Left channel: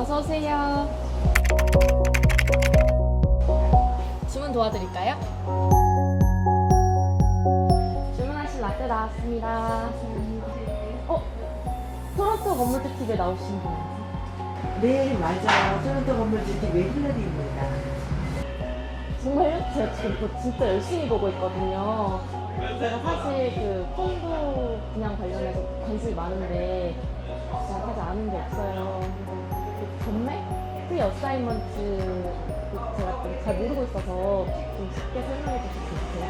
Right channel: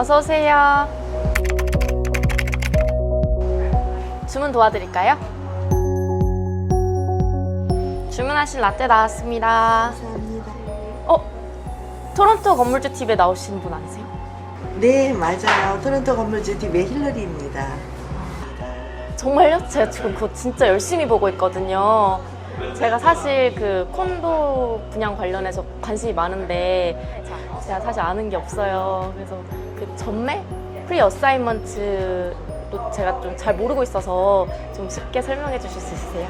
어서 오세요. 주문 도와드릴까요? 주문하신 라떼 나왔습니다. 감사합니다. 토론토 건물주 TV에 나오신 분 아니세요? 네, 맞아요. 토론토 건물주 TV의 힐러리입니다. 정말요? 제가 지금 그거 진짜 열심히 보고 있거든요. 제가 사실 그 콘도 분양 관련해서 관심이 많은데 제가 사실 아는 게 없어요. 그래서 그 전매? 프리 어사이먼트도 제가 좀 잘 모르고 있어서 좀 쉽게 설명해 주실 수 있으세요?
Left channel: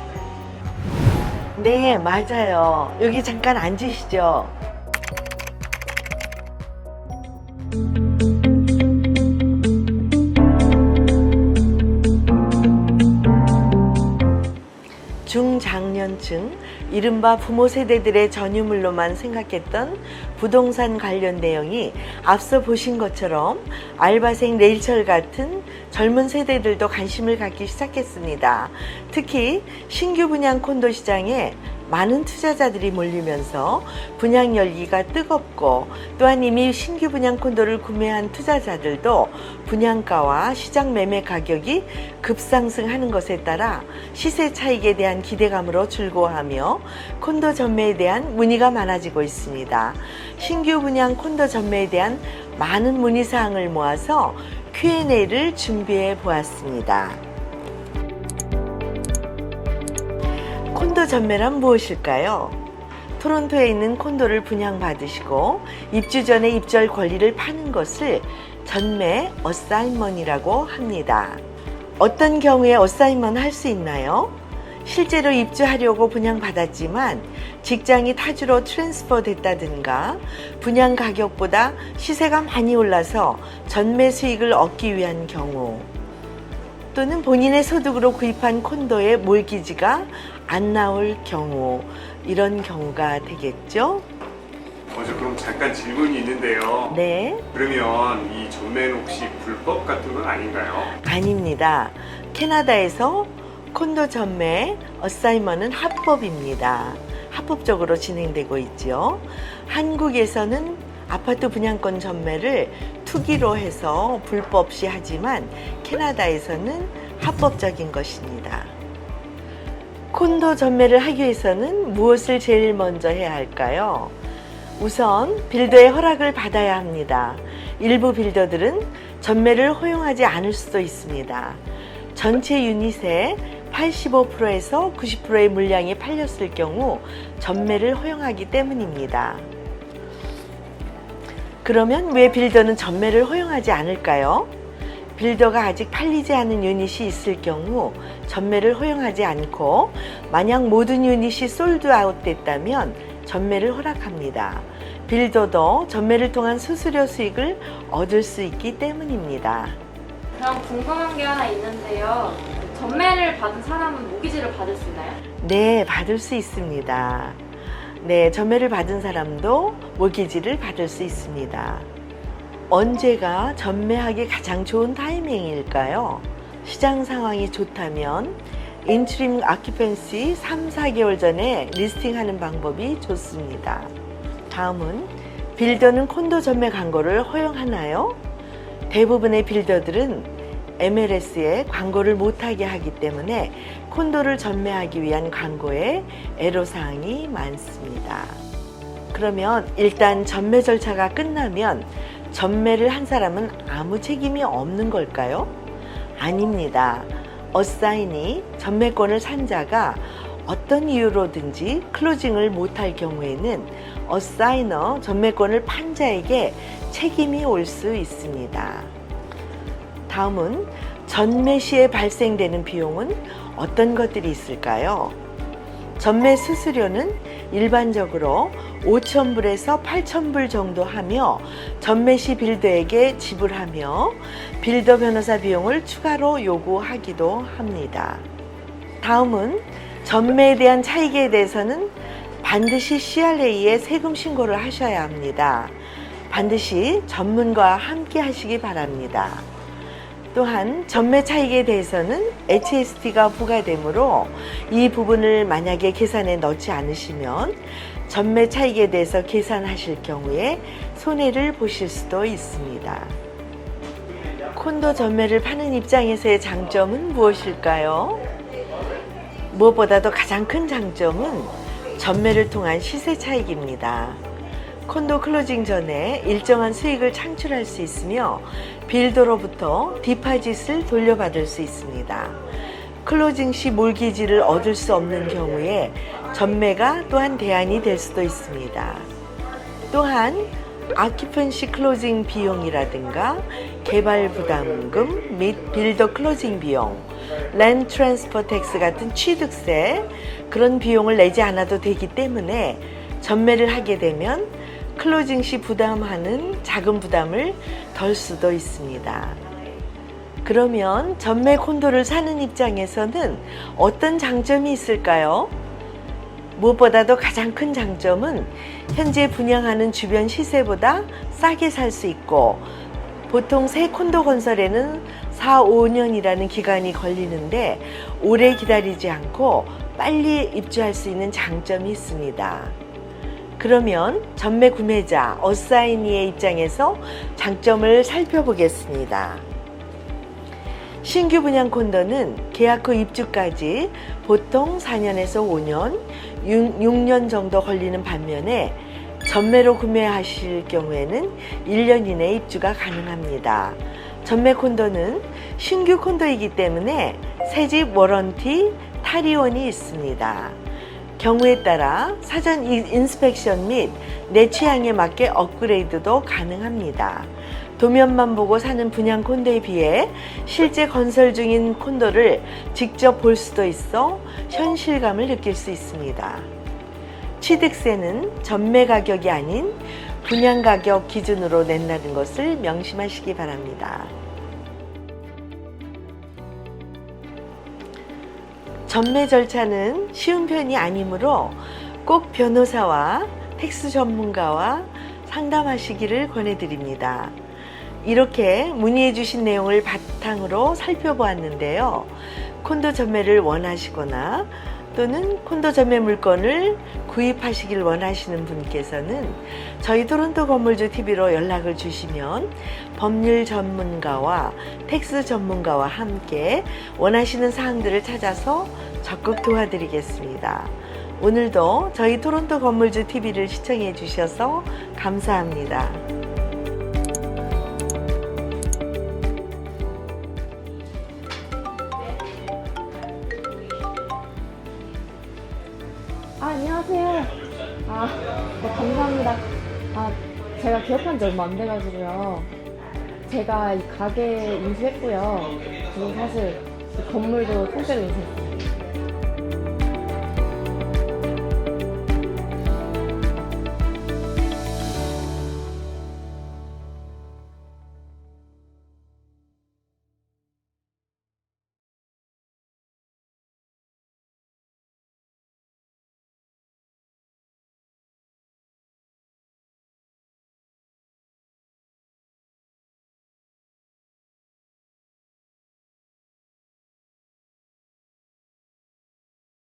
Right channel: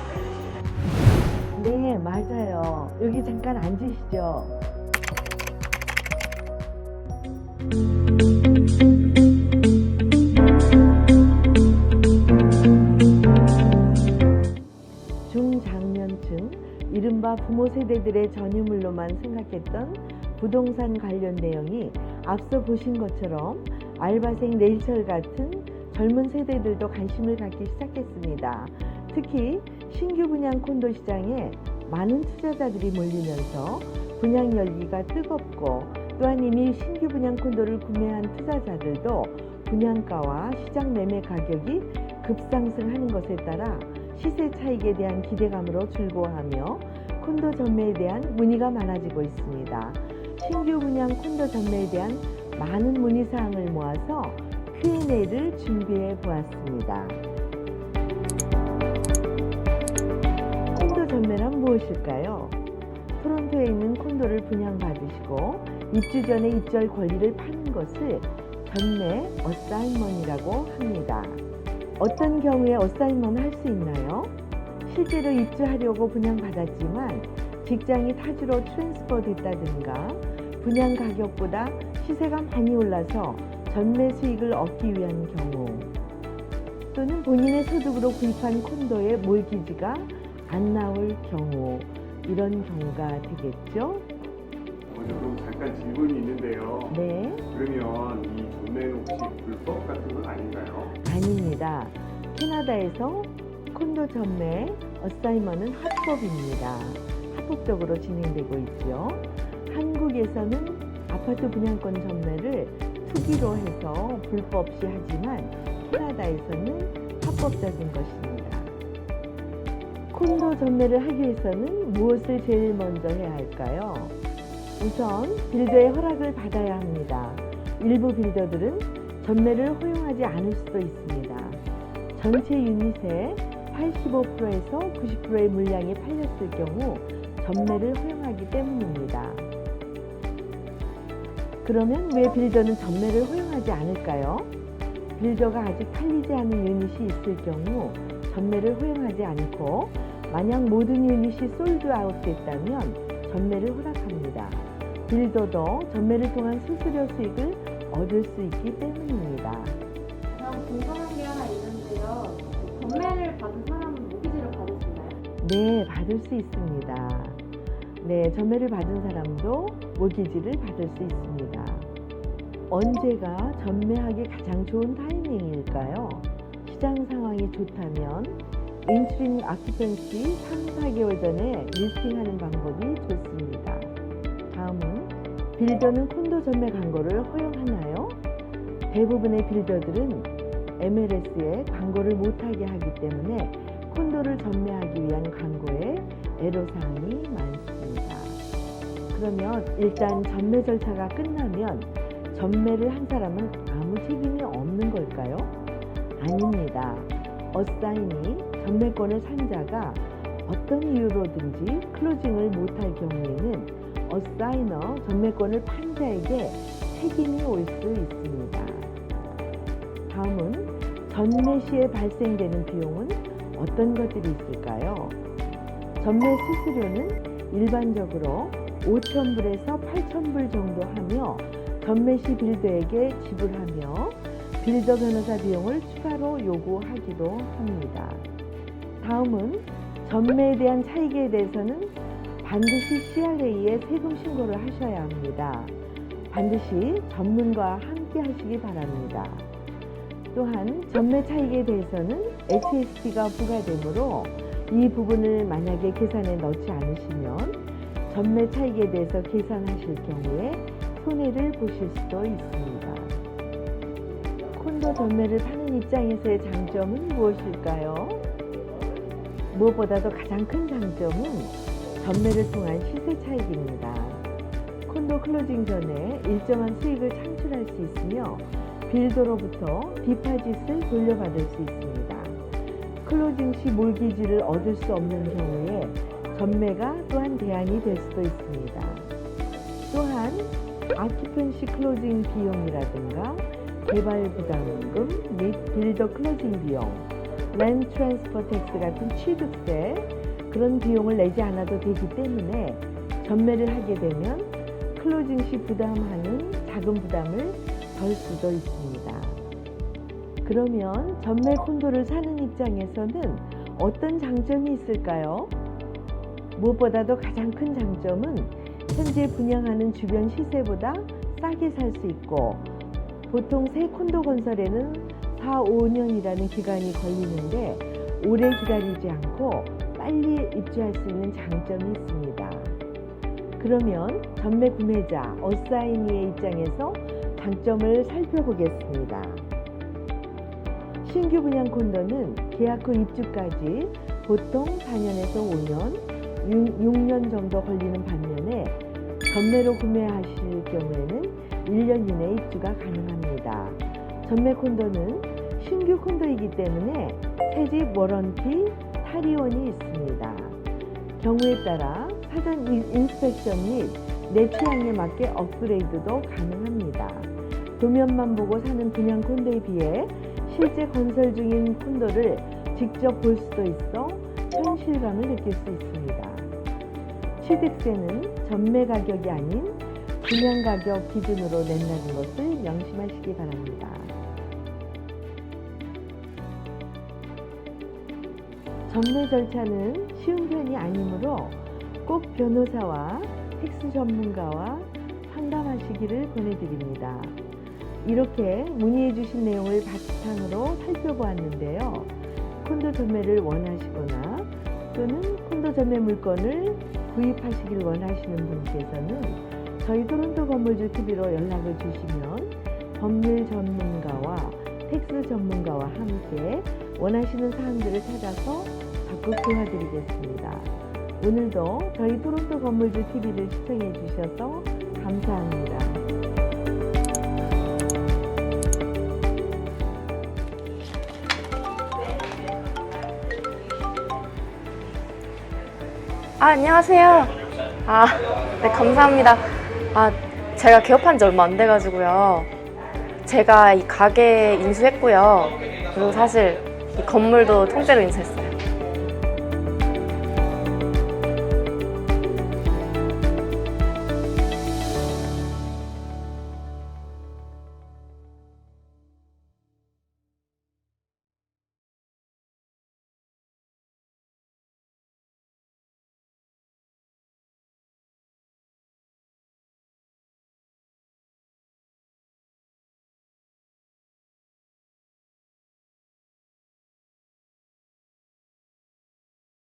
네, 맞아요. 여기 잠깐 앉으시죠. 중장년층, 이른바 부모 세대들의 전유물로만 생각했던 부동산 관련 내용이 앞서 보신 것처럼 알바생 레이첼 같은 젊은 세대들도 관심을 갖기 시작했습니다. 특히 신규 분양 콘도 시장에 많은 투자자들이 몰리면서 분양 열기가 뜨겁고, 또한 이미 신규 분양 콘도를 구매한 투자자들도 분양가와 시장 매매 가격이 급상승하는 것에 따라 시세 차익에 대한 기대감으로 즐거워하며 콘도 전매에 대한 문의가 많아지고 있습니다. 신규 분양 콘도 전매에 대한 많은 문의 사항을 모아서 Q&A를 준비해 보았습니다. 콘도 전매란 무엇일까요? 토론토에 있는 콘도를 분양받으시고 입주 전에 입주할 권리를 파는 것을 전매 어사인먼이라고 합니다. 어떤 경우에 어사인먼 할 수 있나요? 실제로 입주하려고 분양받았지만 직장이 타주로 트랜스퍼 됐다든가 분양 가격보다 시세가 많이 올라서 전매 수익을 얻기 위한 경우, 또는 본인의 소득으로 구입한 콘도의 몰기지가 안 나올 경우, 이런 경우가 되겠죠? 저 그럼 잠깐 질문이 있는데요. 네, 그러면 이 전매는 혹시 불법 같은 건 아닌가요? 아닙니다. 캐나다에서 콘도 전매 어사이먼은 합법입니다. 합법적으로 진행되고 있죠. 한국에서는 아파트 분양권 전매를 투기로 해서 불법 시 하지만 캐나다에서는 합법적인 것입니다. 콘도 전매를 하기 위해서는 무엇을 제일 먼저 해야 할까요? 우선 빌더의 허락을 받아야 합니다. 일부 빌더들은 전매를 허용하지 않을 수도 있습니다. 전체 유닛의 85%에서 90%의 물량이 팔렸을 경우 전매를 허용하기 때문입니다. 그러면 왜 빌더는 전매를 허용하지 않을까요? 빌더가 아직 팔리지 않은 유닛이 있을 경우 전매를 허용하지 않고, 만약 모든 유닛이 솔드아웃 됐다면 전매를 허락합니다. 빌더도 전매를 통한 수수료 수익을 얻을 수 있기 때문입니다. 그럼 궁금한 게 하나 있는데요. 전매를 받은 사람은 모기지를 받을 수 있나요? 네, 받을 수 있습니다. 네, 전매를 받은 사람도 모기지를 받을 수 있습니다. 언제가 전매하기 가장 좋은 타이밍일까요? 시장 상황이 좋다면 인트림 아큐펜시 3-4개월 전에 리스팅하는 방법이 좋습니다. 다음은 빌더는 콘도 전매 광고를 허용하나요? 대부분의 빌더들은 MLS에 광고를 못하게 하기 때문에 콘도를 전매하기 위한 광고에 애로사항이 많습니다. 그러면 일단 전매 절차가 끝나면 전매를 한 사람은 아무 책임이 없는 걸까요? 아닙니다. 어사인이 전매권을 산 자가 어떤 이유로든지 클로징을 못할 경우에는 어사이너 전매권을 판 자에게 책임이 올 수 있습니다. 다음은 전매 시에 발생되는 비용은 어떤 것들이 있을까요? 전매 수수료는 일반적으로 5,000불에서 8,000불 정도 하며 전매 시 빌더에게 지불하며 빌더 변호사 비용을 추가로 요구하기도 합니다. 다음은 전매에 대한 차익에 대해서는 반드시 CRA에 세금 신고를 하셔야 합니다. 반드시 전문가와 함께 하시기 바랍니다. 또한 전매 차익에 대해서는 HST가 부과되므로 이 부분을 만약에 계산에 넣지 않으시면 전매 차익에 대해서 계산하실 경우에 손해를 보실 수도 있습니다. 콘도 전매를 파는 입장에서의 장점은 무엇일까요? 무엇보다도 가장 큰 장점은 전매를 통한 시세 차익입니다. 콘도 클로징 전에 일정한 수익을 창출할 수 있으며 빌더로부터 디파짓을 돌려받을 수 있습니다. 클로징 시 몰기지를 얻을 수 없는 경우에 전매가 또한 대안이 될 수도 있습니다. 또한 아키펀시 클로징 비용이라든가 개발 부담금 및 빌더 클로징 비용, 랜드 트랜스퍼 텍스 같은 취득세 그런 비용을 내지 않아도 되기 때문에 전매를 하게 되면 클로징 시 부담하는 자금 부담을 덜 수도 있습니다. 그러면 전매 콘도를 사는 입장에서는 어떤 장점이 있을까요? 무엇보다도 가장 큰 장점은 현재 분양하는 주변 시세보다 싸게 살 수 있고 보통 새 콘도 건설에는 4, 5년이라는 기간이 걸리는데 오래 기다리지 않고 빨리 입주할 수 있는 장점이 있습니다. 그러면 전매 구매자, 어사이니의 입장에서 장점을 살펴보겠습니다. 신규 분양 콘도는 계약 후 입주까지 보통 4년에서 5년, 6년 정도 걸리는 반면에 전매로 구매하실 경우에는 1년 이내 입주가 가능합니다. 전매 콘도는 신규 콘도이기 때문에 새집 워런티, 탈의원이 있습니다. 경우에 따라 사전 인스펙션 및 내 취향에 맞게 업그레이드도 가능합니다. 도면만 보고 사는 분양 콘도에 비해 실제 건설 중인 콘도를 직접 볼 수도 있어 현실감을 느낄 수 있습니다. 취득세는 전매 가격이 아닌 분양 가격 기준으로 낸다는 것을 명심하시기 바랍니다. 전매 절차는 쉬운 편이 아니므로 꼭 변호사와 텍스 전문가와 상담하시기를 권해드립니다. 이렇게 문의해 주신 내용을 바탕으로 살펴보았는데요. 콘도 전매를 원하시거나 또는 콘도 전매 물건을 구입하시길 원하시는 분께서는 저희 토론토 건물주 TV로 연락을 주시면 법률 전문가와 텍스 전문가와 함께 원하시는 사항들을 찾아서 적극 도와드리겠습니다. 오늘도 저희 토론토 건물주 TV를 시청해 주셔서 감사합니다. 안녕하세요. 네, 감사합니다. 제가 개업한 지 얼마 안 돼가지고요. 제가 이 가게 인수했고요. 그리고 사실 이 건물도 통째로 인수했어요.